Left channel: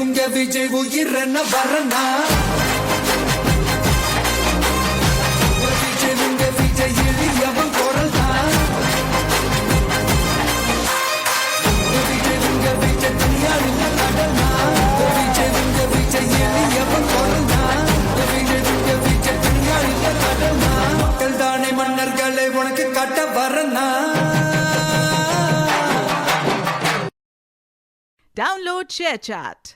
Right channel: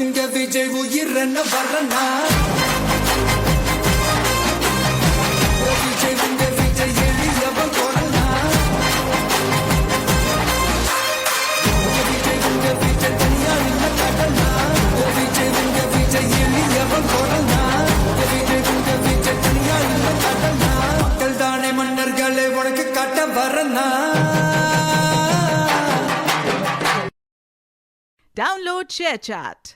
உங்க விஜய் உயிரன வரனா உங்க விஜய் எளியவன் குரல்னா உங்க விஜய் தனியார் இல்ல கடல்னா உங்க விஜய் எளியவன் குரல்னா உங்க விஜய் தனியார் இல்ல கடல்னா மக்கள் தானே மன்னர்களை உனக்கு காட்ட வரனா. Download ShareChat.